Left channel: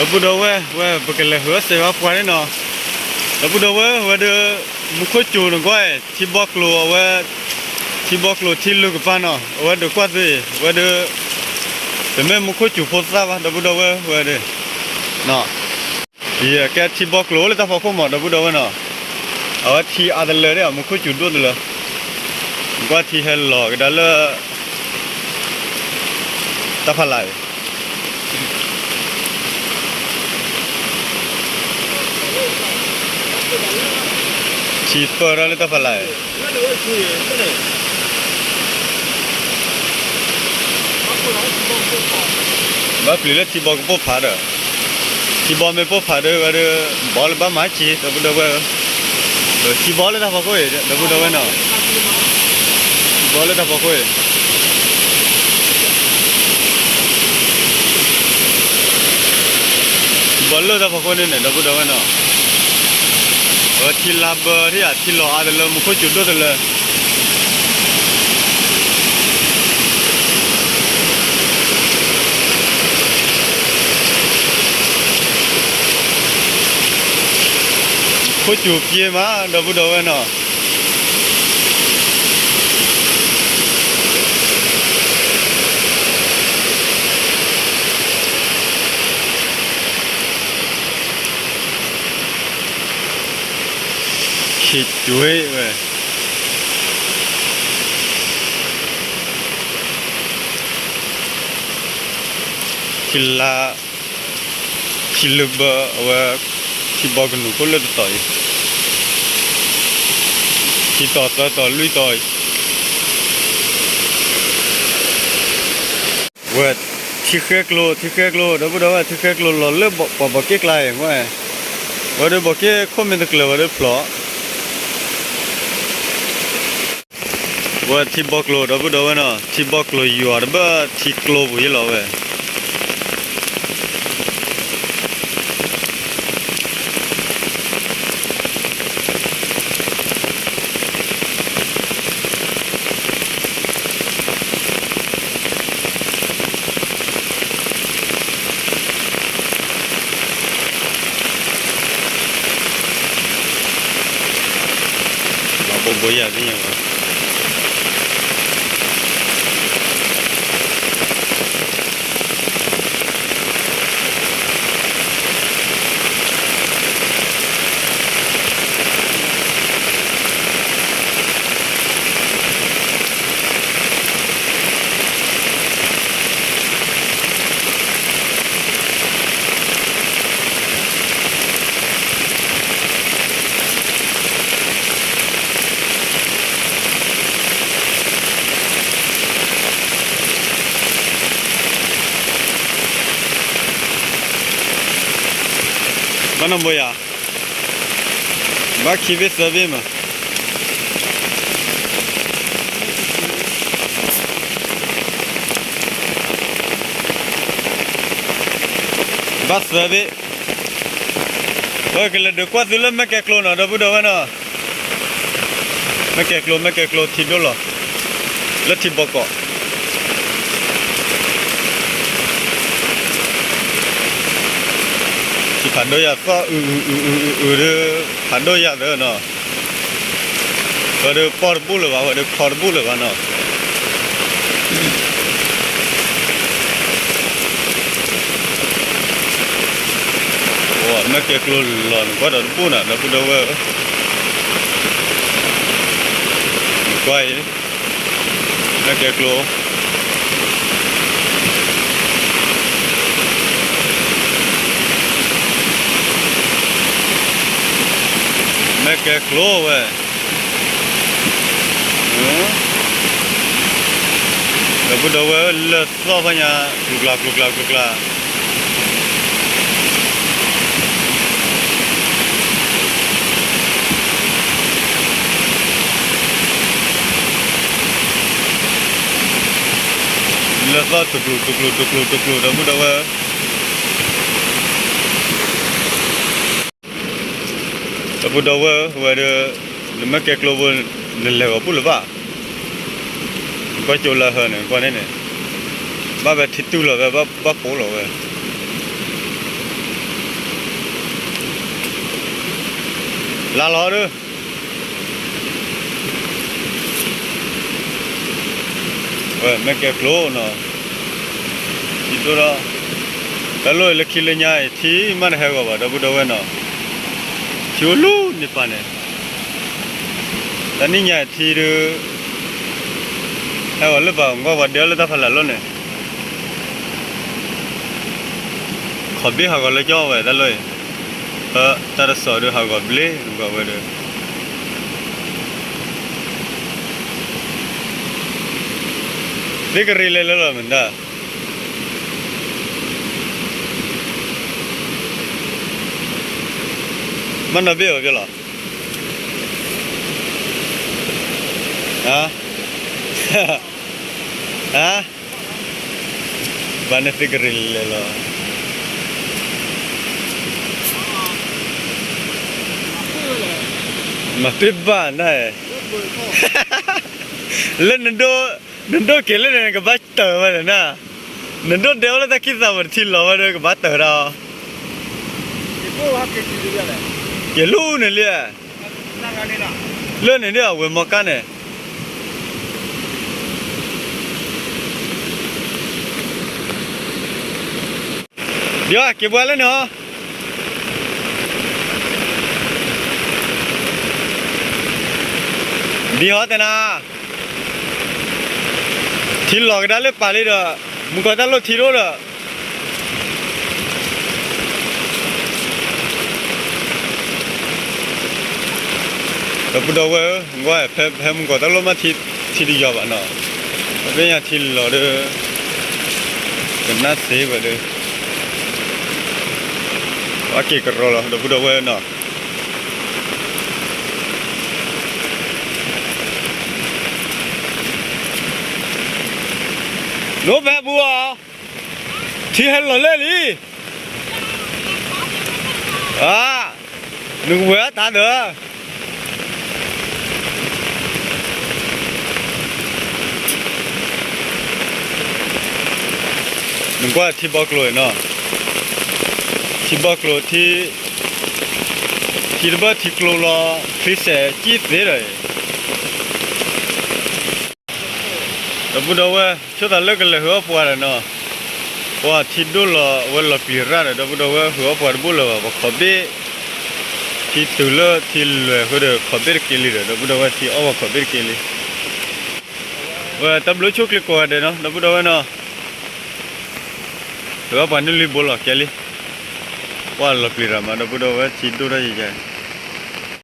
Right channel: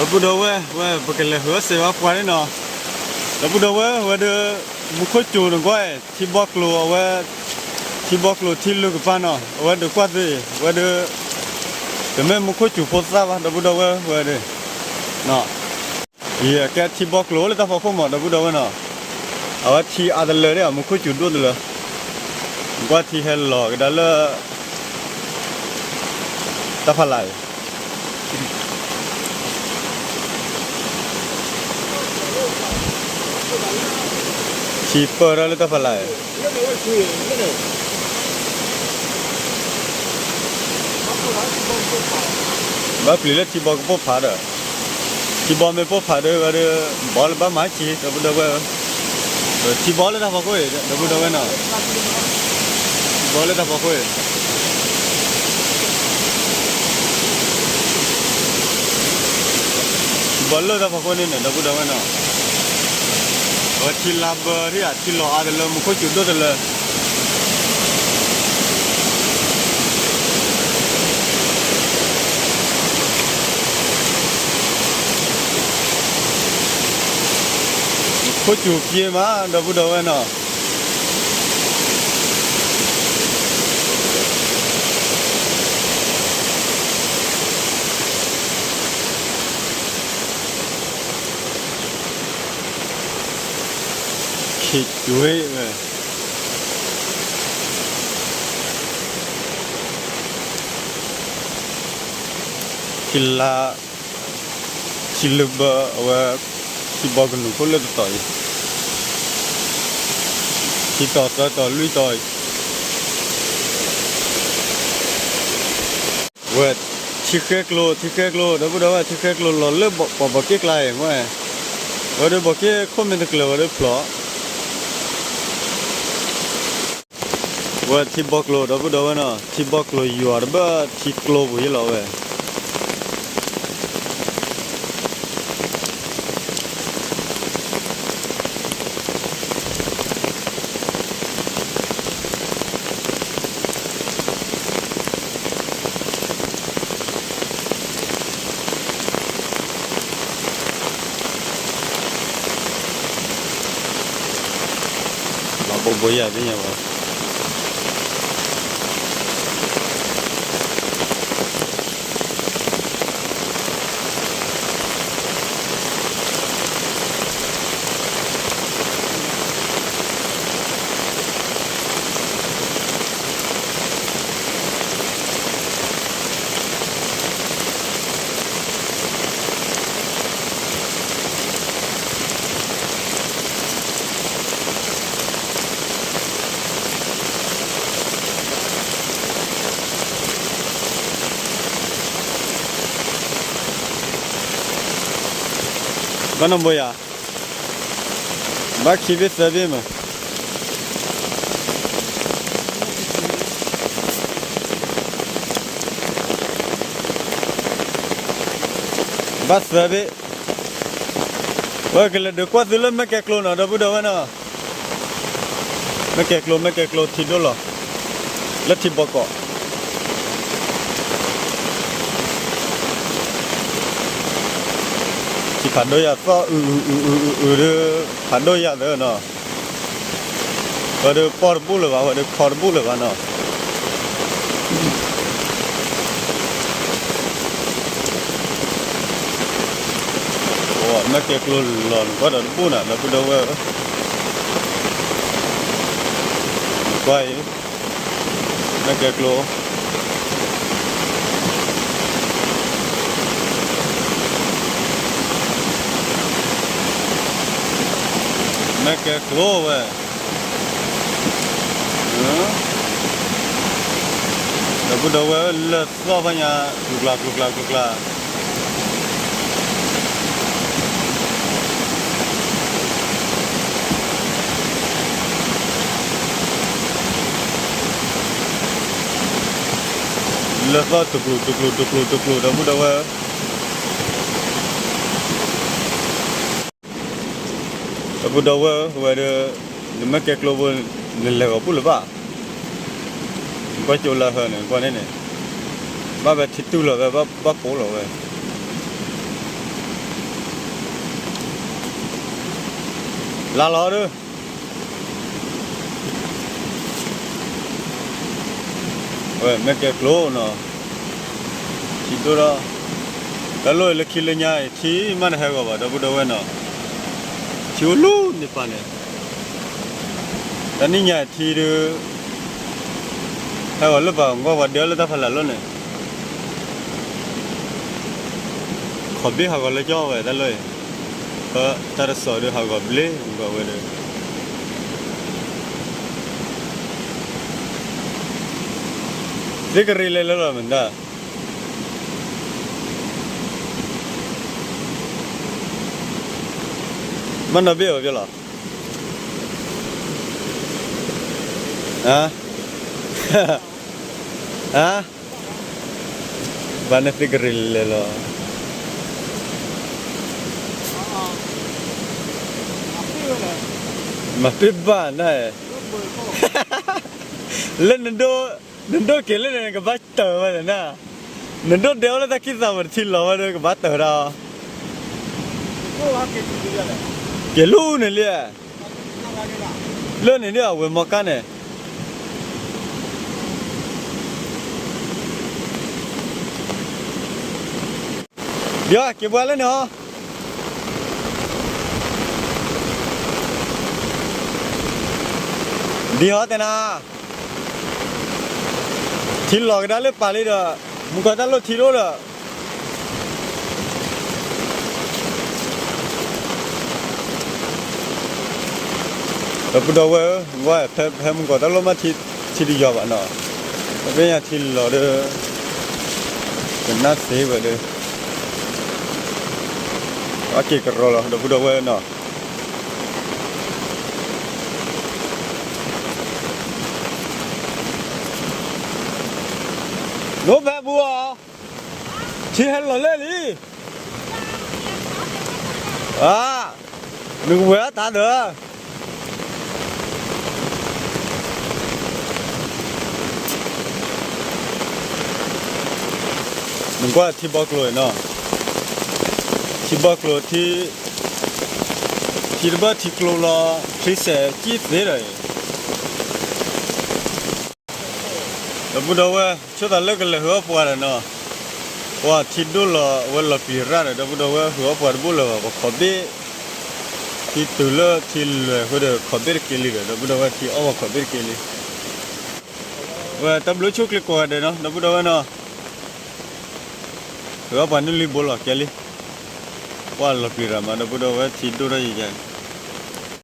เราพูดเอาไว้ว่าปกติหัวเสียว่าปวดนี่เนาะเราพูดเอาไว้ว่าเดี๋ยวมุขจูนก็ที่บอกลัวว่าที่บอกลัวที่ลูกป้าเนาะว่าเดี๋ยวกว่าสิว่าเดี๋ยวแต่แม่มุขจูโพสต์ว่าเราพูดเอาไว้ว่าเดี๋ยวเนาะยี่แกที่บอกลัวเลยถ้าพอเขาหมดเราพูดเอาไว้เนาะเอาว่าที่อะไรเลยเนี่ยมุขจูด้วยเลยกว่าที่เฮลล์ก็ได้เลยตาพลายชีเปอร์อะไรตาพลายบ้าปลีเลยที่บอกก็พบผ่าเด้อที่บอกไม่พบผ่าเด้อว่าเด้อบอลบ้าหมาจีเดี๋ยวพูดเอาไว้ที่บอลเลยถ้าพอคุยเดี๋ยวพูดเอาไว้เนาะที่บอลเลยถ้าพอคุยบอลเลยถ้าพอคุยเนี่ยเดี๋ยวพูดเอาไว้เนาะที่ลาบที่ที่รออะไรเลยมุขจุดด้วยเลยมุขจุดเกี่ยมาเดี๋ยวพูดเอาไว้เนาะคิดจุ้ยเว้ยคิลาคิลบะว่าคิบอกกันหนูก็เลิกต่อยคิต่อลุยต่อยเว้ยที่แค่กลัวเดี๋ยวพูดว่าที่แค่กลัวเราเลิกบอกเก๊กไรเว้ยว่าเดี๋ยวบอกเก๊คอมเมนต์กลัวว่าเดี๋ยวพลอว่าที่บอกโลดับเบิลเนาะที่บอกโลอยู่อ่ะบ้าที่กลัวบุยเราเว้ยเราบอกบุยอะไรเนี่ยวะบ้านน้ำบุยอ่ะบ้าขี้เบ็ดเสียบีมั้งบ้าเสียบีว่ากันเลยเดี๋ยวกว่าสิเลยไม่แก่กลัวนะเดี๋ยวพูดเอาไว้นะไม่แก่กลัวที่ดูหรอแล้วที่บอกก็ที่ผ่านด้วยก็เด้อผ่านด้วยเด้อเนาะว่าเด้อพอร์บุลว่าเด้อพอร์บุลว่าเนาะโอ้ไม่เกี่ยวกับหลอนก็เดินปูน่ะเดี๋ยวพูดเอาไว้ก้อยไม่เกี่ยวกับไม่แก่กลัวเว้ยเดี๋ยวพูดเอาไว้เลือดซ้อพันยาลุกลาเลือดซ้อตุกลูเดี๋ยวพูดเอาไว้พูดเอาไว้ว่าเดี๋ยวไม่แก่กลัวนั่นแหละว่าพูดหรือเปล่าก็โจลาเหรอเนี่ยก็เนี่ยบ้าแบบทิศตู้หรอแบบบ้าโผล่หรอเว้ย ลาล้อด้วยไม่เก็บโลเนาะที่ตัวละแต่ลอยเล็กขี้เลี้ยงที่มันเหรอวะดับดับเนาะชิวลูนี่ปะเนี่ยแต่นี่เนี่ยที่ดูเหรอหรือเปล่าก็ว่าเดี๋ยวเราจะพลัดล้นเนี่ยขอบบี้เขาก็เลยจ่อไว้แต่เลยแต่ละสอดเขาก็เบลก็ไว้เลยเด็กรีเลยแล้วมันได้มันน่าเบี้ยวกันหรอฮะฮะบ้านนี้เด็กรีเลยแล้วมาปิดบ้านได้เล่นนันโดเกล้เล่นกับบัตเตอร์มาเลยนะนันโดเดี๋ยวเราจะคิดสามวันที่เราเล่นกับบัตเตอร์เราเกลูเนี่ยเลยเล่นเนี่ยเว้ยมอกันเนี่ยเดี๋ยวเก็บไว้แล้วเนาะดีฮะแต่นะทีหลอกได้เลยป่าเลยเด้อมึงก็ได้รถทีโร่เด้อแล้วปุ๊ดเอาไว้ว่าแพ้มึงก็ได้รถมาทีดีจอบอ่ะเนาะเป็นอย่างทีหลอกเด้อเป็นน่าเสียไปเด้อว่าเกี่ยวกับเราแล้วแล้วปุ๊ดเอาไว้เนาะโน้แบบบัวที่เห็นหล่อเล่ลี่หนึ่งเวตาเด้อหนึ่งก็ที่บอกเลยเนาะที่บอกเลยที่ระเบิดที่กลัวล้อคริสเซ่จีดเลยแล้วพูดเอาว่าช่วยตาเลิกกันเลยหัวปวดเนาะว่าที่ดูละว่าละปีระแล้วพูดเอาว่าหัวปวดบุญละว่าขอบเบที่ตุลที่เลยเขาเดือขอบเบกิลิเลยพูดเอาว่าที่เอาว่าขอบเบกิลิว่าตำรวจชุกเลยกว่าเด้เนาะพูดเอาว่าเนาะหัวปวดนี่รีบบอกแกลิว่าละปีระมาพูดเอาว่าที่ดูได้ยัง